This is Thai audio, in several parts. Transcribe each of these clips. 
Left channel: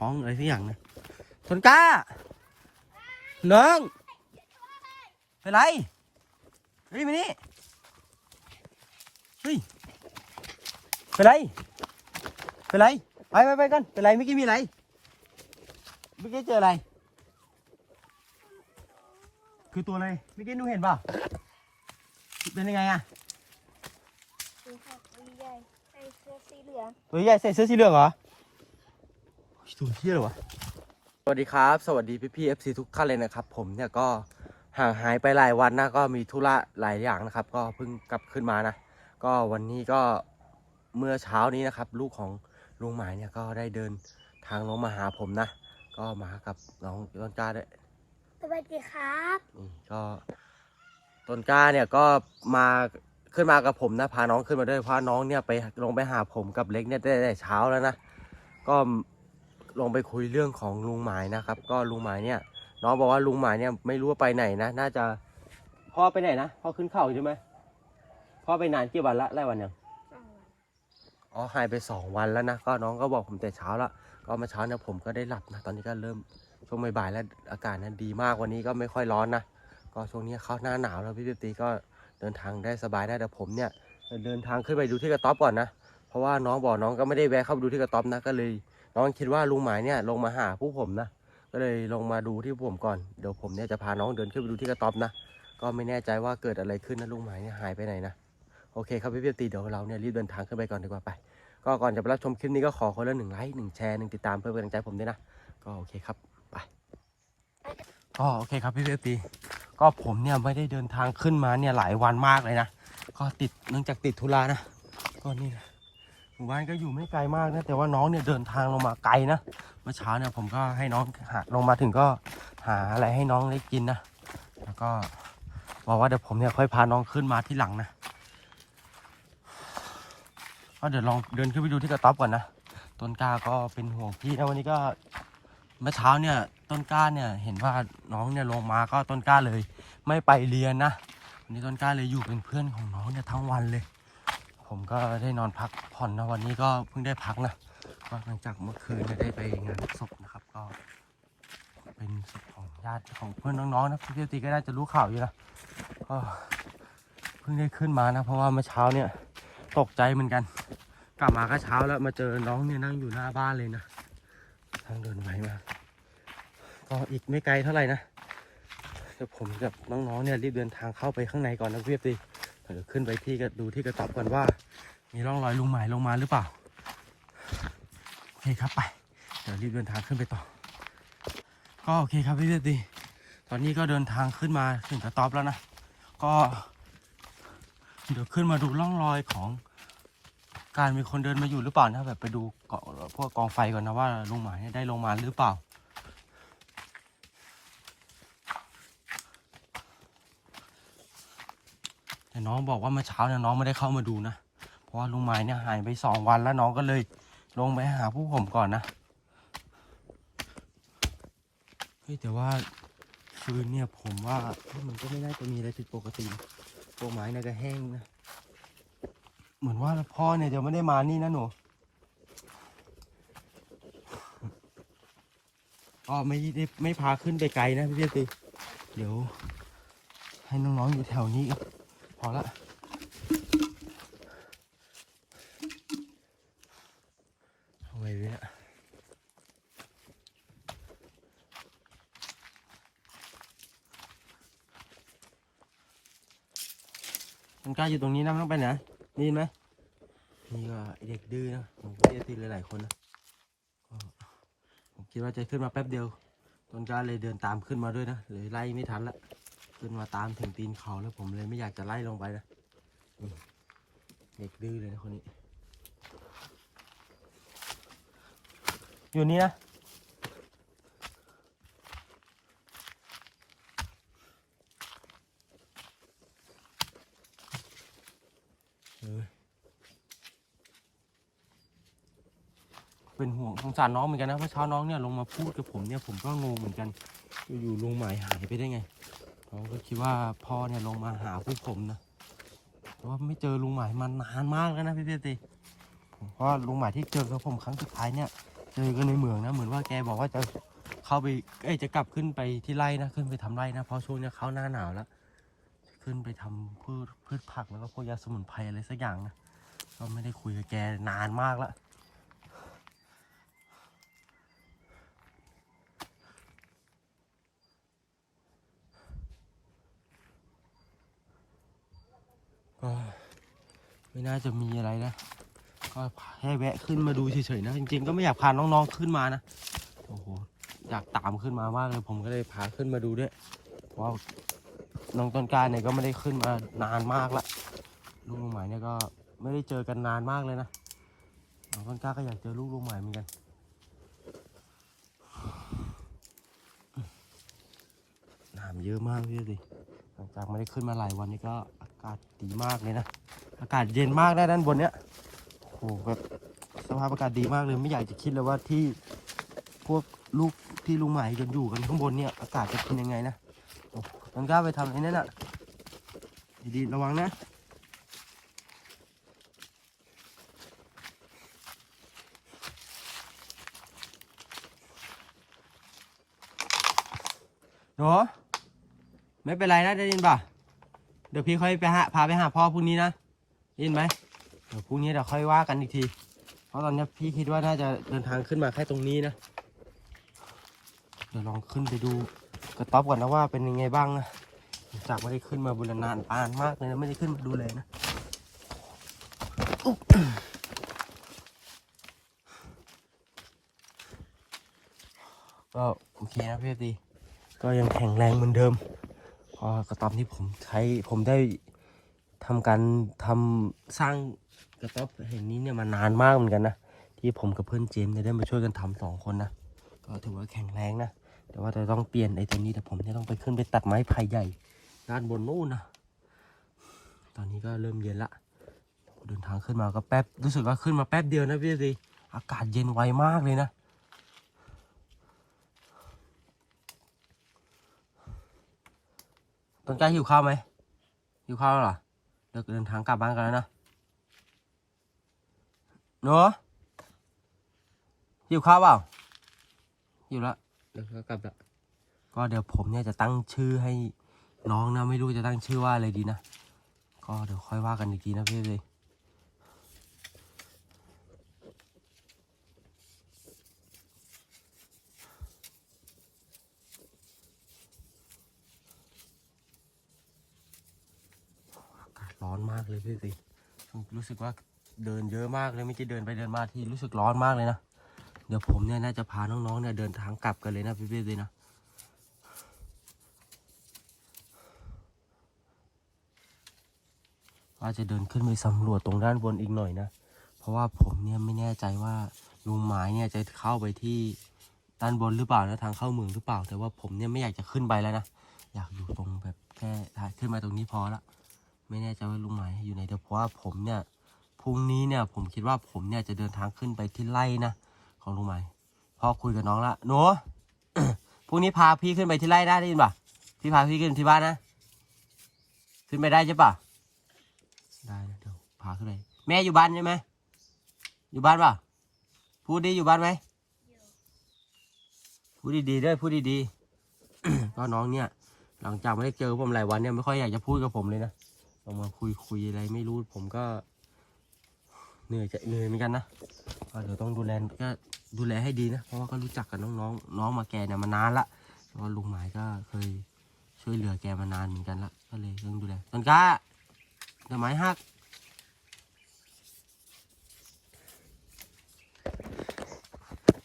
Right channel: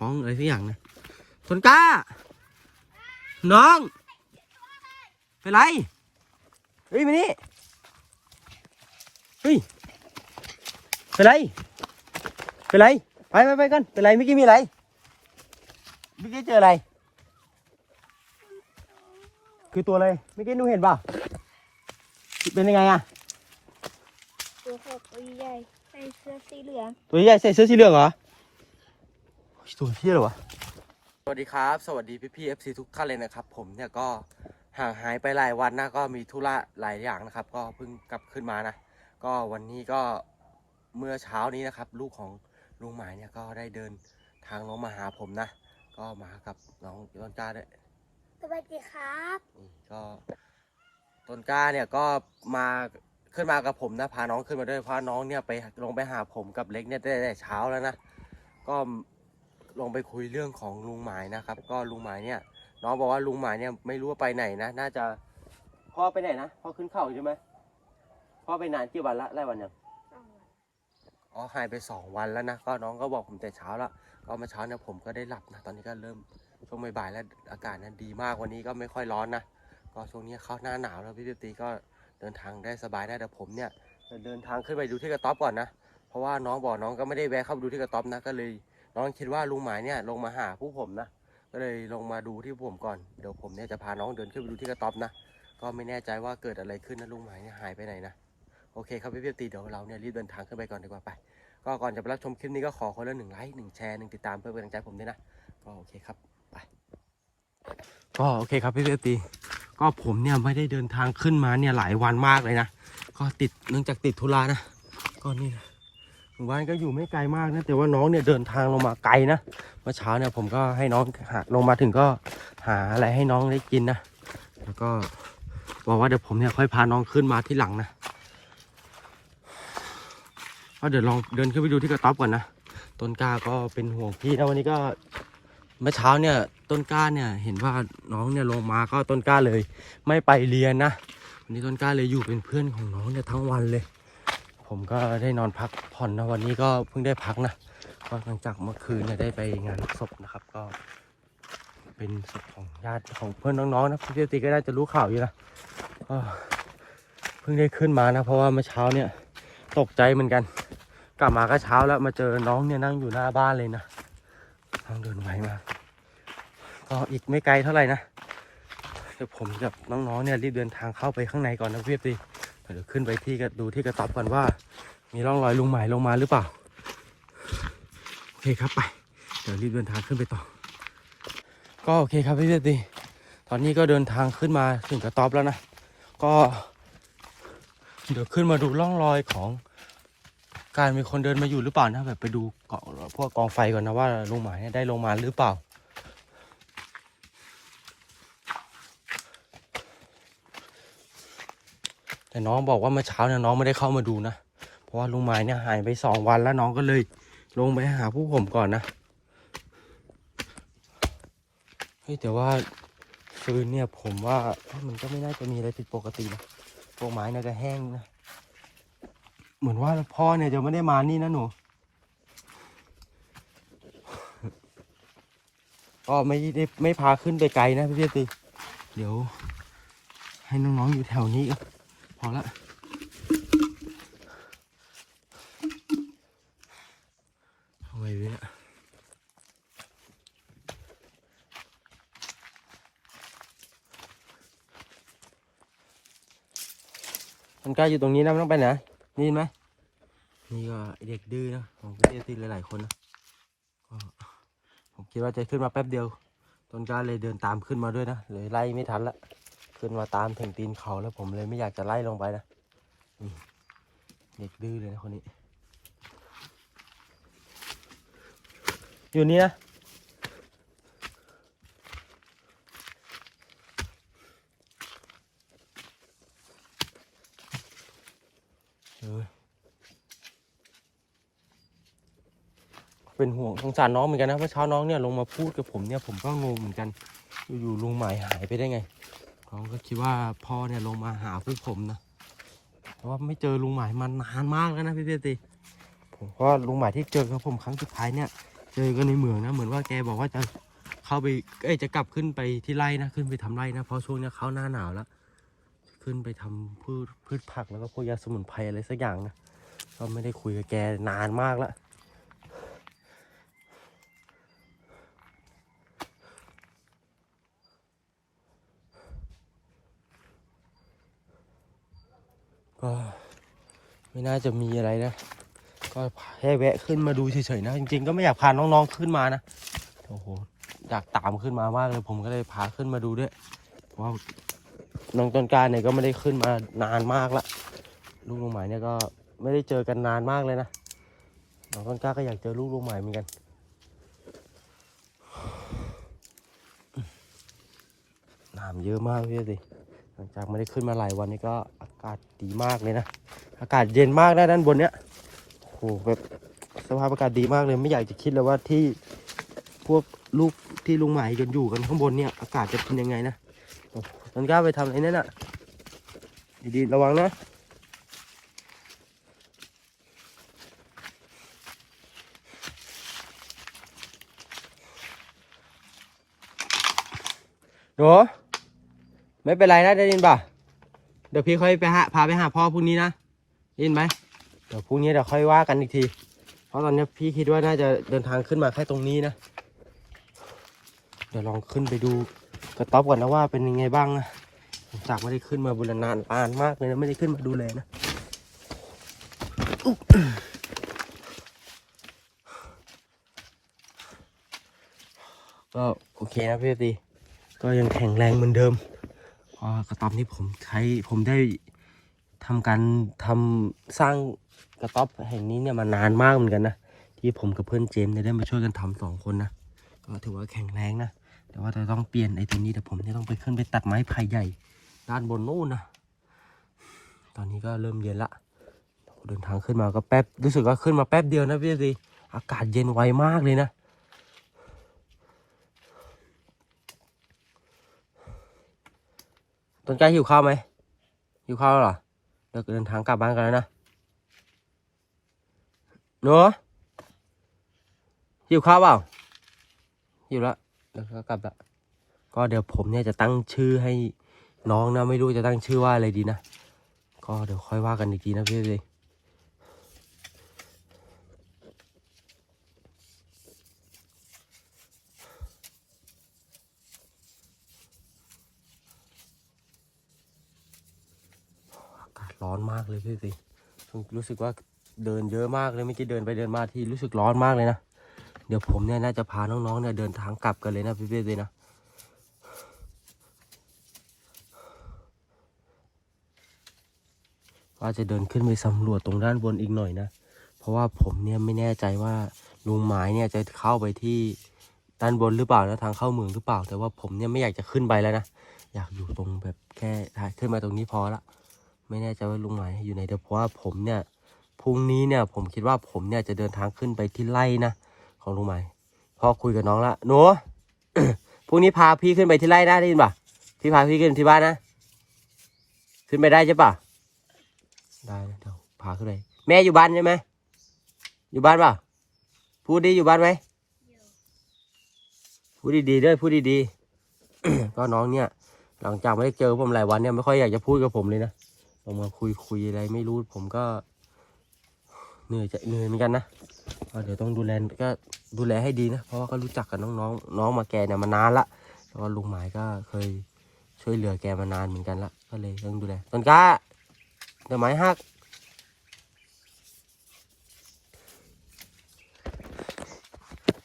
ท้องอะไรสักอย่างนะต้นกล้า น้อง เป็นไรเฮ้ยมานี่เฮ้ยเป็นไรเป็นไรไปไปไปกันเป็นไรเมื่อกี้มีอะไรเมื่อกี้เจออะไร คือตัวอะไรเมื่อกี้หนูเห็นเปล่าเป็นยังไงอะตัวขอบตัวใหญ่ใส่เสื้อสีเหลืองตัวใหญ่ใส่เสื้อสีเหลืองเหรอ ตัวเที่ยเหรอวะ สวัสดีครับ สวัสดีพี่พี่เอฟซีทุกท่านเลยนะครับ ผมเนี่ยก็ห่างหายไปหลายวันนะก็มีธุระหลายอย่างนะครับ ก็เพิ่งกลับขึ้นมานะ ก็วันนี้ก็เมื่อเช้านี้นะครับ ลูกของลุงหมายเนี่ยก็ได้เดินทางลงมาหาผมนะ ก็มากับน้องต้นกล้าด้วยสวัสดีครับนี่ก็ต้นกล้าเนี่ยก็มาขึ้นมากับผมนะพาน้องขึ้นมาด้วยเพราะน้องเนี่ยไปลงไปหาผมกับเล็กเนี่ยได้แต่เช้าแล้วนะก็ ลงไปคุยเรื่องของลุงหมายนะครับ ก็ลุงหมายเนี่ยน้องบอกว่าลุงหมายเนี่ยไม่รู้ว่าไปไหนนะ น่าจะพ่อไปไหนนะพ่อขึ้นเขาใช่ไหมพ่อไปนานกี่วันละไล่วันยังอ๋อหายไปสองวันแล้วนะก็น้องก็บอกผมแต่เช้าละก็เมาเช้าเนี่ยผมก็ได้หลับนะตอนนี้ก็เริ่มช่วงบ่ายๆแล้วอากาศนั้นดีมากวันนี้ก็ไม่ค่อยร้อนนะก็ช่วงนี้เข้าหน้าหนาวแล้วพี่ปิ๊บตีก็เดินทางได้สบายได้แต่ผมเนี่ยจะเดินทางขึ้นไปดูที่กระต๊อบก่อนนะเพราะว่าน้องบอกน้องก็ไม่ได้แวะเข้าไปดูที่กระต๊อบนะก็เลย น้องคิดว่าลุงหมายเนี่ยลงมาหาผู้ผมนะ ก็เลยลงมาดูที่ผมก่อน เดี๋ยวผมเนี่ยจะพาน้องเดินขึ้นไปดูที่กระต๊อบนะ ก็ไม่แน่ใจว่าเกิดอะไรขึ้นนะลุงหมายเนี่ยหายไปไหนนะ โอเคครับพี่ปิ๊บตีเดี๋ยวเราเนี่ยรีบเดินทางขึ้นไปก่อนดีกว่าไป ก็ก่อนจะไปรับชมคลิปนี้ก็ขอคนละหนึ่งไลค์หนึ่งแชร์หนึ่งติดตามเพื่อเป็นกำลังใจผมด้วยนะ ก็โอเคครับไป ก็โอเคครับพี่เบตีก็ผมเนี่ยไม่ได้เดินทางขึ้นมาเนี่ยหลายวันมากเลยนะ ก็ติดเนื่องจากติดธุระนะ ก็นี่นะ บ้านก็อยู่ไม่ไกลมากนะ แต่ว่าน้องเนี่ยเดินทางลงมาไกลนะเมื่อเช้าเนี่ยผมก็ให้น้องหาลงมาถึงก็หาอะไรให้น้องได้กินนะแล้วก็บอกว่าเดี๋ยวผมเนี่ยค่อยพาน้องขึ้นมาที่หลังนะก็เดี๋ยวลองเดินขึ้นไปดูที่กระต๊อบก่อนนะต้นกล้าก็เป็นห่วงพี่นะวันนี้ก็เมื่อเช้าเนี่ยต้นกล้าเนี่ยเห็นว่าน้องเนี่ยลงมาก็ต้นกล้าเลย ไม่ไปเรียนนะวันนี้ต้นกล้าเลยอยู่เป็นเพื่อนของน้องเนี่ยทั้งวันเลย ผมก็ได้นอนพักผ่อนนะวันนี้ก็เพิ่งได้พักนะก็หลังจากเมื่อคืนเนี่ยได้ไปงานศพนะครับ ก็ เป็นศพของญาติของเพื่อนน้องๆนะพี่เจติก็ได้จะรู้ข่าวอยู่นะก็เพิ่งได้ขึ้นมานะ เพราะว่าเมื่อเช้าเนี่ยตกใจเหมือนกัน กลับมาก็เช้าแล้วมาเจอน้องเนี่ยนั่งอยู่หน้าบ้านเลยนะน้องเดินไหวมาก็อีกไม่ไกลเท่าไหร่นะเดี๋ยวผมกับน้องๆเนี่ยรีบเดินทางเข้าไปข้างในก่อนนะพี่ตี เดี๋ยวขึ้นไปที่กระดูที่กระต๊อบก่อนว่า มีร่องรอยลุงหมายลงมาหรือเปล่า โอเคครับไปเดี๋ยวรีบเดินทางขึ้นไปต่อ ก็โอเคครับพี่ตีตอนนี้ก็เดินทางขึ้นมาถึงกระต๊อบแล้วนะ ก็ เดี๋ยวขึ้นมาดูร่องรอยของการมีคนเดินมาอยู่หรือเปล่านะแบบไปดูเกาะพวกกองไฟก่อนนะว่าลุงหมายเนี่ยได้ลงมาหรือเปล่า แต่น้องบอกว่าเมื่อเช้าเนี่ยน้องไม่ได้เข้ามาดูนะ เพราะว่าลุงหมายเนี่ยหายไปสองวันแล้วน้องก็เลยลงไปหาผู้ผมก่อนนะ เฮ้ยแต่ว่าฟืนเนี่ยผมว่ามันก็ไม่น่าจะมีอะไรผิดปกตินะพวกไม้เนี่ยก็แห้งนะ เหมือนว่าพ่อเนี่ยจะไม่ได้มานี่นะหนูก็ไม่ได้ไม่พาขึ้นไปไกลนะพี่เจตีเดี๋ยวให้น้องๆอยู่แถวนี้ก็ พอละเอาไงดีเนี่ยมันกล้อยู่ตรงนี้นะไม่ต้องไปไหนนี่ไหมนี่ก็เด็กดื้อนะผมพี่เจตีหลายๆคนนะผมคิดว่าจะขึ้นมาแป๊บเดียว ต้นกล้าเลยเดินตามขึ้นมาด้วยนะเลยไล่ไม่ทันละ ขึ้นมาตามถึงตีนเขาแล้วผมเลยไม่อยากจะไล่ลงไปนะนี่เด็กดื้อเลยนะคนนี้ อยู่นี่นะเอ้ยเป็นห่วงสงสารน้องเหมือนกันนะเมื่อเช้าน้องเนี่ยลงมาพูดกับผมเนี่ยผมก็งงเหมือนกัน อยู่ๆลุงหมายหายไปได้ไง น้องก็คิดว่าพ่อเนี่ยลงมาหาพวกผมนะแต่ว่าไม่เจอลุงหมายมานานมากแล้วนะพี่เจตีผมก็ลุงหมายที่เจอกับผมครั้งสุดท้ายเนี่ย เจอกันในเมืองนะเหมือนว่าแกบอกว่าจะเข้าไปเอ้จะกลับขึ้นไปที่ไร่นะขึ้นไปทำไร่นะเพราะช่วงนี้เขาหน้าหนาวแล้วขึ้นไปทำพืชพืชผักแล้วก็พวกยาสมุนไพรอะไรสักอย่างนะก็ไม่ได้คุยกับแกนานมากแล้ว ก็ไม่น่าจะมีอะไรนะ ก็แค่แวะขึ้นมาดูเฉยๆนะ จริงๆก็ไม่อยากพาน้องๆขึ้นมานะโอ้โหอยากตามขึ้นมามากเลยผมก็เลยพาขึ้นมาดูด้วยเพราะว่าน้องต้นกล้าเนี่ยก็ไม่ได้ขึ้นมานานมากละลูกลุงหมายเนี่ยก็ไม่ได้เจอกันนานมากเลยนะน้องต้นกล้าก็อยากเจอลูกลุงหมายเหมือนกันน้ำเยอะมากพี่สิหลังจากไม่ได้ขึ้นมาหลายวันนี้ก็ากาศดีมากเลยนะ อากาศเย็นมากนะด้านบนเนี้ยโหแบบสภาพอากาศดีมากเลยไม่อยากจะคิดเลยว่าที่พวกลูกที่ลุงหมายกันอยู่กันข้างบนเนี่ยอากาศจะเป็นยังไงนะโอ้ต้นกล้าไปทำอะไรนั่นน่ะดีๆระวังนะหนูไม่เป็นไรนะได้ยินป่ะ เดี๋ยวพี่ค่อยไปหาพาไปหาพ่อพรุ่งนี้นะยินไหมเดี๋ยวพรุ่งนี้เดี๋ยวค่อยว่ากันอีกที เพราะตอนนี้พี่คิดว่าน่าจะเดินทางขึ้นมาแค่ตรงนี้นะ เดี๋ยวลองขึ้นไปดูกระต๊อบก่อนนะว่าเป็นยังไงบ้างนะจากไม่ได้ขึ้นมาบุรณานปานมากเลยนะไม่ได้ขึ้นมาดูแลนะก็โอเคนะพี่ตีก็ยังแข็งแรงเหมือนเดิม กระต๊อบนี้ผมใช้ผมได้ทำการทำสร้างกระต๊อบแห่งนี้เนี่ยมานานมากเหมือนกันนะที่ผมกับเพื่อนเจมส์ได้มาช่วยกันทำสองคนนะก็ถือว่าแข็งแรงนะแต่ว่าจะต้องเปลี่ยนไอ้ตัวนี้แต่ผมเนี่ยต้องไปขึ้นไปตัดไม้ไผ่ใหญ่ด้านบนนู่นนะตอนนี้ก็เริ่มเย็นละเดินทางขึ้นมาก็แป๊บรู้สึกว่าขึ้นมาแป๊บเดียวนะพี่สิอากาศเย็นไวมากเลยนะ ต้นกล้าหิวข้าวไหมหิวข้าวแล้วเหรอเดี๋ยวเดินทางกลับบ้านกันแล้วนะเนูหิวข้าวเปล่าหิวแล้วเดี๋ยวก็กลับละก็เดี๋ยวผมเนี่ยจะตั้งชื่อให้น้องนะไม่รู้จะตั้งชื่อว่าอะไรดีนะก็เดี๋ยวค่อยว่ากันอีกทีนะพี่เลยอากาศร้อนมาก เลยพี่สิรู้สึกว่าเดินเยอะมากเลยเมื่อกี้เดินไปเดินมาที่รู้สึกร้อนมากเลยนะ เดี๋ยวผมเนี่ยน่าจะพาน้องๆเนี่ยเดินทางกลับกันเลยนะพี่เป้เลยนะว่าจะเดินขึ้นไปสำรวจตรงด้านบนอีกหน่อยนะ เพราะว่าผมเนี่ยไม่แน่ใจว่าลุงหมายเนี่ยจะเข้าไปที่ด้านบนหรือเปล่านะทางเข้าเมืองหรือเปล่า แต่ว่าผมเนี่ยไม่อยากจะขึ้นไปแล้วนะ อยากอยู่ตรงแบบแค่ขึ้นมาตรงนี้พอละ ไม่แน่ใจว่าลุงหมายอยู่ไหนแต่เพราะว่าผมเนี่ยพรุ่งนี้เนี่ยผมคิดว่าผมเนี่ยจะเดินทางขึ้นไปที่ไร่นะของลุงหมายพอคุยกับน้องละหนูพรุ่งนี้พาพี่ขึ้นไปที่ไร่ได้ได้ยินป่ะพี่พาพี่ขึ้นที่บ้านนะขึ้นไปได้ใช่ป่ะได้เดี๋ยวพาขึ้นไปแม่อยู่บ้านใช่ไหมอยู่บ้านป่ะพูดดีอยู่บ้านไหมพูดดีๆด้วยพูดดีๆก็น้องเนี่ยหลังจากไม่ได้เจอผมหลายวันเนี่ยไม่ค่อยอยากจะพูดกับผมเลยนะ ลองมาคุยคุยอะไรไม่รู้ผมก็เหนื่อยจะเหนื่อยเหมือนกันนะเดี๋ยวต้องดูแลก็ดูแลให้ดีนะ เพราะว่าก็รู้จักกับน้องๆน้องมาแกเนี่ยมานานละแล้วก็ลุงหมายก็เคยช่วยเหลือแกมานานเหมือนกันละก็เลยต้องดูแลต้นกล้าเดี๋ยวไม้หัก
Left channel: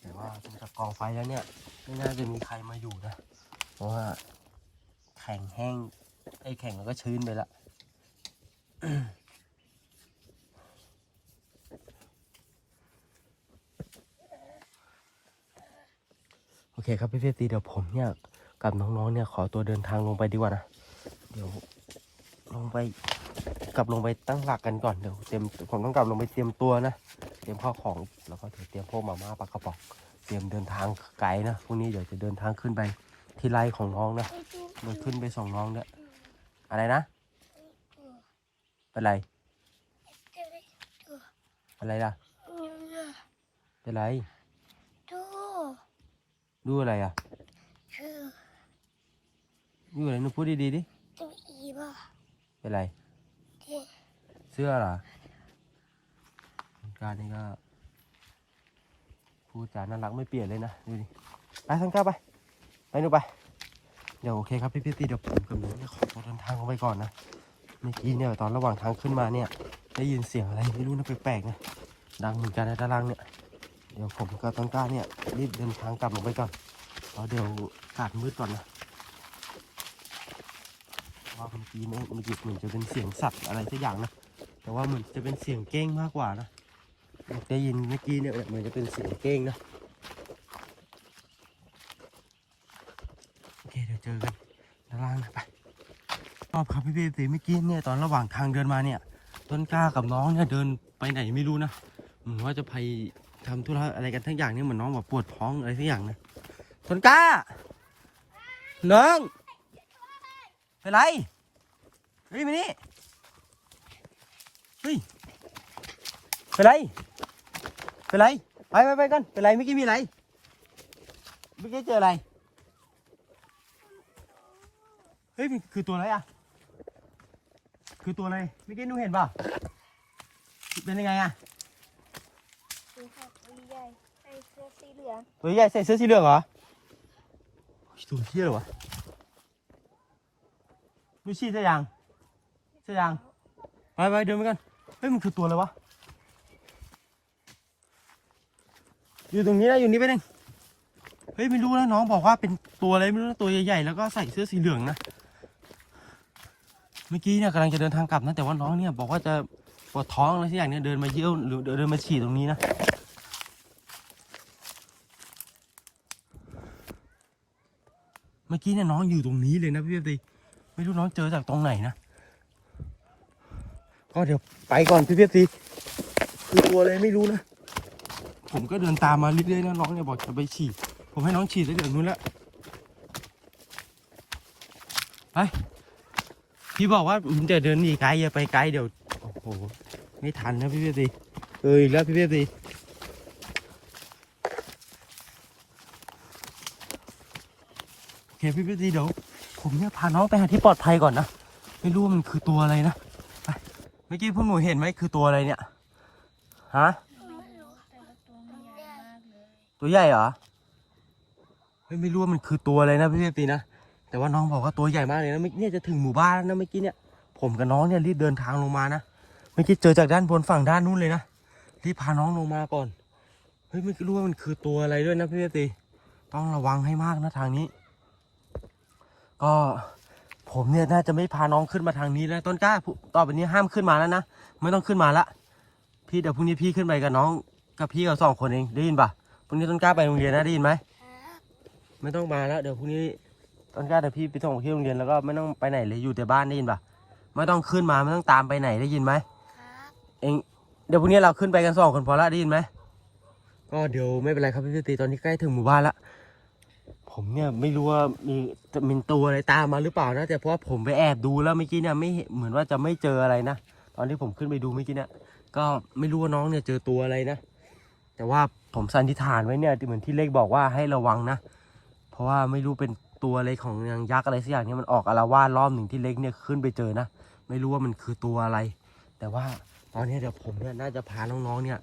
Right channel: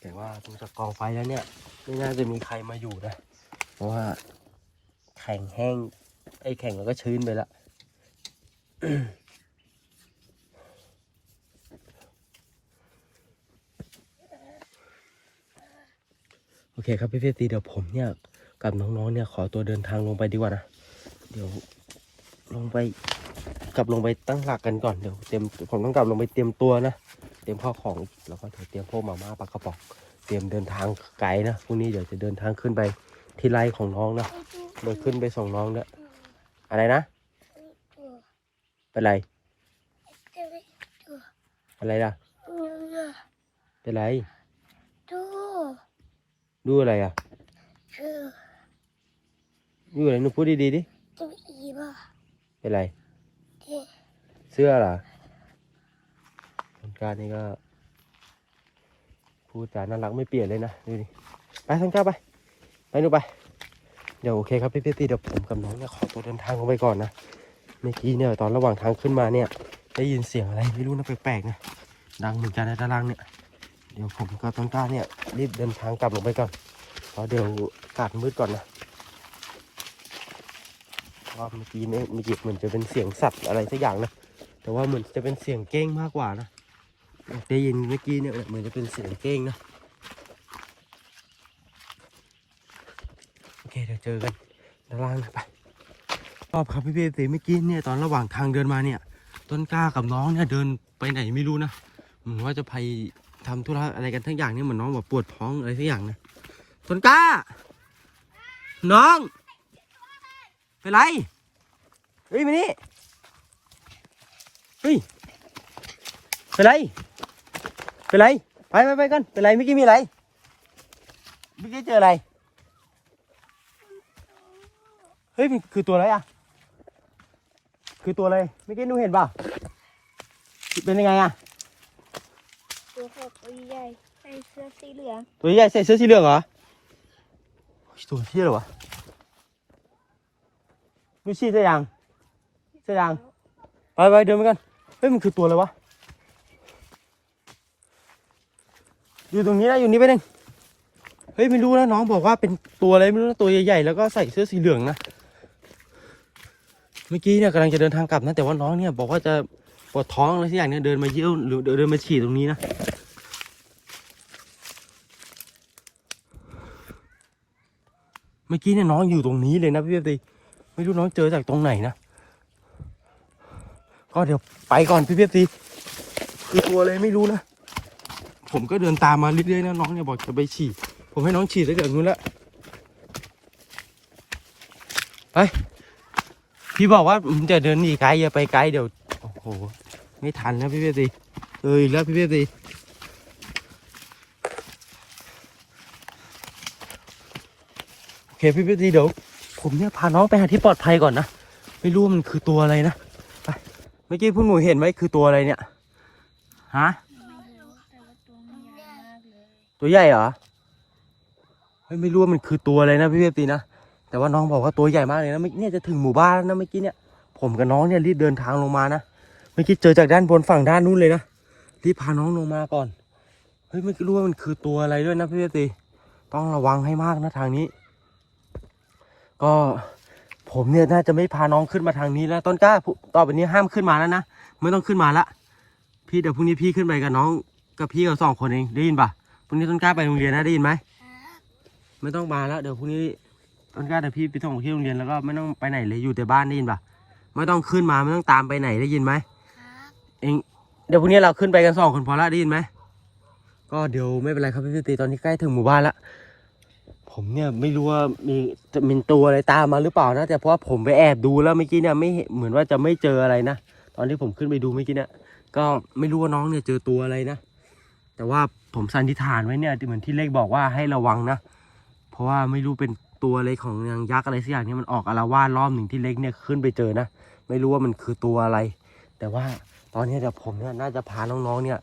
แต่ว่าดูจากกองไฟแล้วเนี่ยไม่น่าจะมีใครมาอยู่นะ เพราะว่าแข็งแห้งไอ้แข็งแล้วก็ชื้นไปละ โอเคครับพี่เฟตีเดี๋ยวผมเนี่ยกับน้องๆเนี่ยขอตัวเดินทางลงไปดีกว่านะ เดี๋ยวลงไปกลับลงไปตั้งหลักกันก่อนเดี๋ยวเตรียมผมต้องกลับลงไปเตรียมตัวนะ เตรียมข้าวของแล้วก็เดี๋ยวเตรียมพวกมาม่าปลากระป๋องเตรียมเดินทางไกลนะพรุ่งนี้เดี๋ยวจะเดินทางขึ้นไปที่ไร่ของน้องนะโดยขึ้นไปส่งน้องเนี่ยอะไรนะ เป็นไร อะไรล่ะ เป็นไรตดูอะไรอะชื่อดูอะไรหนูพูดดีๆดิตัวอีบ่เป็นไรที่เสื้อเหรอต้นกล้านี่ก็พูดจาน่ารักไม่เปลี่ยนเลยนะดูดิไปต้นกล้าไปไปหนูไปเดี๋ยวโอเคครับพี่พี่ตีเดี๋ยวผมกับน้องเนี่ยขอตัวเดินทางลงไปก่อนนะ เมื่อกี้เนี่ยตอนระหว่างทางขึ้นมาเนี่ย ได้ยินเสียงอะไรไม่รู้นะแปลกๆนะดังเหมือนกันในด้านล่างเนี่ย เดี๋ยวผมกับต้นกล้าเนี่ยรีบเดินทางกลับลงไปก่อนเพราะเดี๋ยวอากาศมืดก่อนนะเพราะว่าเมื่อกี้เนี่ยเมื่อกี้เหมือนจะเป็นเสียงสัตว์อะไรสักอย่างนะแต่ว่าเหมือนจะเป็นเสียงเก้งมากกว่านะได้ยินเมื่อกี้เนี่ยเหมือนจะเป็นเสียงเก้งนะโอเคเดี๋ยวเจอกันด้านล่างนะไป รอบครับพี่เบสีเมื่อกี้เนี่ยตอนระหว่างทางเดินมาเนี่ย ต้นกล้ากับน้องเนี่ยเดินไปไหนไม่รู้นะเหมือนว่าจะไปทำธุระอะไรกันทั้งอย่างเนี่ยเหมือนน้องแบบปวดท้องอะไรสักอย่างนะต้นกล้า น้องเป็นไรเฮ้ยมานี่เฮ้ยเป็นไรเป็นไรไปไปไปกันเป็นไรเมื่อกี้มีอะไรเมื่อกี้เจออะไรเฮ้ยคือตัวอะไรอะ คือตัวอะไรเมื่อกี้หนูเห็นป่ะเป็นยังไงอะตัวขอบตัวใหญ่ใส่เสื้อสีเหลืองตัวใหญ่ใส่เสื้อสีเหลืองเหรอตัวเที่ยเหรอวะดูชีเสียยังเสียยังไปไปเดินไปกันเฮ้ยมันคือตัวอะไรวะอยู่ตรงนี้นะอยู่นี่ไปหนึ่งเฮ้ยไม่รู้นะน้องบอกว่าเป็นตัวอะไรไม่รู้นะตัวใหญ่ๆแล้วก็ใส่เสื้อสีเหลืองนะ เมื่อกี้เนี่ยกำลังจะเดินทางกลับนะ แต่ว่าน้องเนี่ยบอกว่าจะปวดท้องอะไรสักอย่างเนี่ยเดินมาเยี่ยวหรือเดินมาฉี่ตรงนี้นะเมื่อกี้เนี่ยน้องอยู่ตรงนี้เลยนะพี่เบตีไม่รู้น้องเจอจากตรงไหนนะก็เดี๋ยวไปก่อนพี่เบตีตัวอะไรไม่รู้นะผมก็เดินตามมาเรื่อยๆนะน้องเนี่ยบอกจะไปฉี่ผมให้น้องฉี่ตั้งแต่นู้นล้วไป พี่บอกว่าผมจะเดินหนีไกลอย่าไปไกลเดี๋ยวโอ้โหไม่ทันนะพี่เบตีเอออีกแล้วพี่เบตีโอเคพี่เบตีเดี๋ยวผมเนี่ยพาน้องไปหาที่ปลอดภัยก่อนนะไม่รู้มันคือตัวอะไรนะไปเมื่อกี้พวกหนูเห็นไหมคือตัวอะไรเนี่ยฮะตัวใหญ่เหรอเฮ้ยไม่รู้ว่ามันคือตัวอะไรนะพี่เบตีนะ แต่ว่าน้องบอกว่าตัวใหญ่มากเลยนะเมื่อเนี่ยจะถึงหมู่บ้านแล้วนะเมื่อกี้เนี่ย ผมกับน้องเนี่ยรีบเดินทางลงมานะเมื่อกี้เจอจากด้านบนฝั่งด้านนู้นเลยนะรีบพาน้องลงมาก่อนเฮ้ยไม่รู้ว่ามันคือตัวอะไรด้วยนะพี่ตีต้องระวังให้มากนะทางนี้ ก็ผมเนี่ยน่าจะไม่พาน้องขึ้นมาทางนี้แล้วต้นกล้าต่อไปนี้ห้ามขึ้นมาแล้วนะไม่ต้องขึ้นมาละพี่เดี๋ยวพรุ่งนี้พี่ขึ้นไปกับน้องกับพี่กับสองคนเองได้ยินปะพรุ่งนี้ต้นกล้าไปโรงเรียนนะได้ยินไหมไม่ต้องมาแล้วเดี๋ยวพรุ่งนี้ ต้นกล้าเดี๋ยวพี่ไปส่งที่โรงเรียนแล้วก็ไม่ต้องไปไหนเลยอยู่แต่บ้านได้ยินปะไม่ต้องขึ้นมาไม่ต้องตามไปไหนได้ยินไหมครับเองเดี๋ยวพรุ่งนี้เราขึ้นไปกันสองคนพอละได้ยินไหมก็เดี๋ยวไม่เป็นไรครับพี่ตีตอนนี้ใกล้ถึงหมู่บ้านละผมเนี่ยไม่รู้ว่ามีจะมีตัวอะไรตามมาหรือเปล่านะแต่เพราะว่าผมไปแอบดูแล้วเมื่อกี้เนี่ยไม่เห็นเหมือนว่าจะไม่เจออะไรนะตอนที่ผมขึ้นไปดูเมื่อกี้เนี่ยก็ไม่รู้ว่าน้องเนี่ยเจอตัวอะไรนะแต่ว่าผมสันนิษฐานไว้เนี่ยเหมือนที่เลขบอกว่าให้ระวังนะ เพราะว่าไม่รู้เป็น ตัวอะไรของนางยักษ์อะไรสักอย่างเนี่ยมันออกอาละวาดรอบหนึ่งที่เล็กเนี่ยขึ้นไปเจอนะ ไม่รู้ว่ามันคือตัวอะไร แต่ว่าตอนนี้เดี๋ยวผมเนี่ยน่าจะพาน้องๆเนี่ย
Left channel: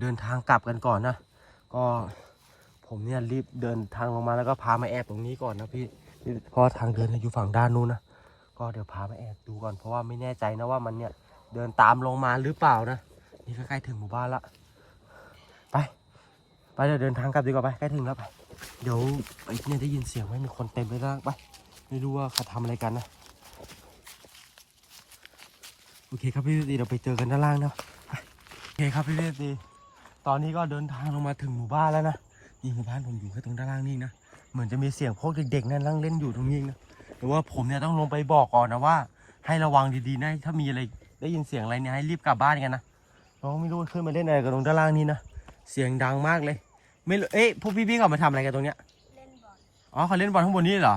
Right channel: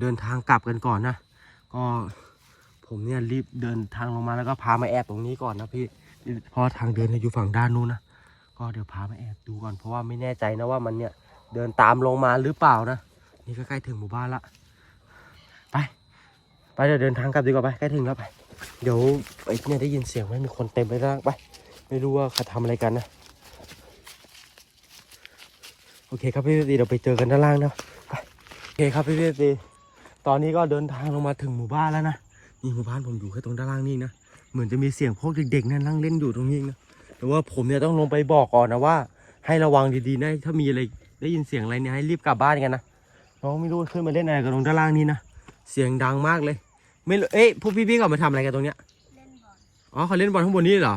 เดินทางกลับกันก่อนนะ ก็ผมเนี่ยรีบเดินทางลงมาแล้วก็พามาแอบตรงนี้ก่อนนะพี่เพราะทางเดินอยู่ฝั่งด้านนู้นนะก็เดี๋ยวพามาแอบดูก่อนเพราะว่าไม่แน่ใจนะว่ามันเนี่ยเดินตามลงมาหรือเปล่านะนี่ก็ใกล้ถึงหมู่บ้านละไป ไปเดี๋ยวเดินทางกลับดีกว่าไปใกล้ถึงแล้วไป เดี๋ยวไอ้เนี่ยได้ยินเสียงไหมมีคนเต็มไปแล้วไปไม่รู้ว่าเขาทำอะไรกันนะ โอเคครับพี่ตีเราไปเจอกันด้านล่างนะไปโอเคครับพี่ตีตอนนี้ก็เดินทางลงมาถึงหมู่บ้านแล้วนะนี่หมู่บ้านผมอยู่แค่ตรงด้านล่างนี่นะเหมือนจะมีเสียงพวกเด็กๆนั่นนั่งเล่นอยู่ตรงนี้นะแต่ว่าผมเนี่ยต้องลงไปบอกก่อนนะว่า ให้ระวังดีๆนะถ้ามีอะไรได้ยินเสียงอะไรเนี่ยให้รีบกลับบ้านกันนะน้องไม่รู้ว่าขึ้นมาเล่นอะไรกันตรงด้านล่างนี้นะเสียงดังมากเลย ไม่รู้เอ๊ะพวกพี่ๆเขามาทำอะไรกันตรงเนี้ยเล่นบอลอ๋อเขาเล่นบอลข้างบนนี่เหรอ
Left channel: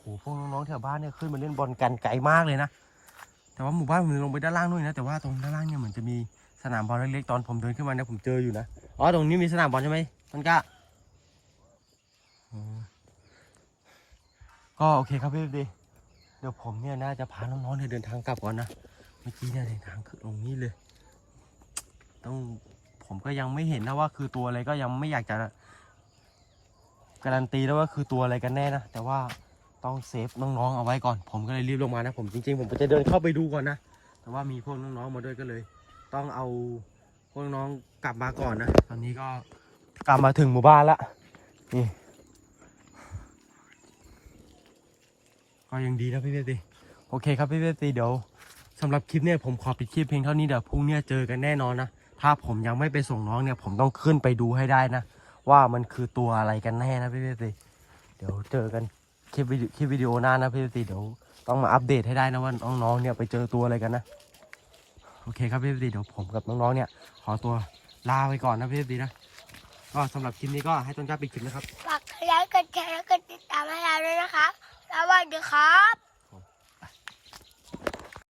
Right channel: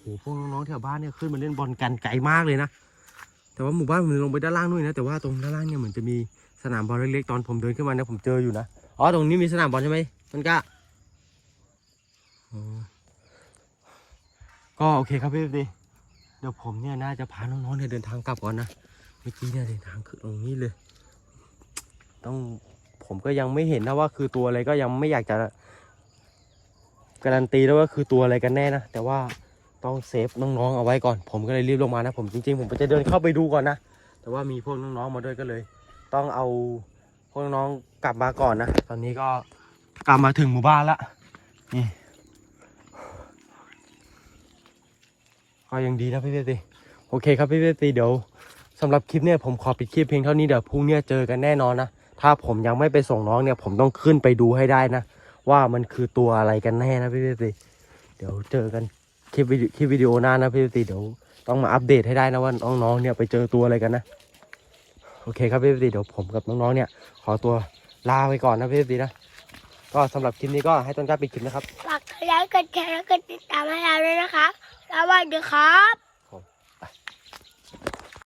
โหพวกน้องๆแถวบ้านเนี่ยขึ้นมาเล่นบอลกันไกลมากเลยนะแต่ว่าหมู่บ้านผมลงไปด้านล่างนู่นนะแต่ว่าตรงด้านล่างเนี่ยเหมือนจะมีสนามบอลเล็กๆตอนผมเดินขึ้นมาเนี่ยผมเจออยู่นะอ๋อตรงนี้มีสนามบอลใช่ไหมต้นกล้าอ๋อก็โอเคครับพี่ดีเดี๋ยวผมเนี่ยน่าจะพาน้องๆเนี่ยเดินทางกลับก่อนนะเมื่อกี้เนี่ยเดินทางคือตรงนี้เลย ต้อง ผมก็ยังไม่เห็นนะว่าคือตัวอะไรก็ยังไม่อยากจะการันตีแล้วว่าคือตัวอะไรกันแน่นะแต่ว่าต้องเซฟน้องๆเอาไว้ก่อน ผมก็เลยรีบลงมานะผมจริงๆ ผมจะเดินเข้าไปดูก่อนนะแต่ว่ามีพวกน้องๆมาด้วยก็เลย ต้องเอาพวกน้องกลับมาก่อนนะตอนนี้ก็กลับมาถึงหมู่บ้านละนี่ก็ยังดีนะพี่เบตีโอเคครับพี่เบตีเดี๋ยวสำหรับคลิปเนี่ยผมขอปิดคลิปเพียงเท่านี้เดี๋ยวพรุ่งเนี้เจอกันแน่นอนนะ ถ้าผมยังไม่ไปส่งน้องเนี่ย ผมต้องขึ้นไปดูให้ได้นะ ว่ามันคือตัวอะไรกันแน่นะพี่เบสตีเดี๋ยวเจอกันคลิปวิดีคลิปวิดีโอหน้านะพี่เบสตีเดี๋ยวต้องมาอัปเดตให้ได้นะว่าน้องๆเนี่ยไปเจอตัวอะไรกันนะ โอเคครับพี่เบสตีเดี๋ยวผมกับน้องๆเนี่ย ขอตัวลาไปก่อนนะพี่เบสตีนะก็สำหรับคลิปนี้ก็ให้ต้นกล้าปิดคลิปนะครับ ฝากกดไลค์กดแชร์กดติดตามให้เราด้วยนะครับสวัสดีครับ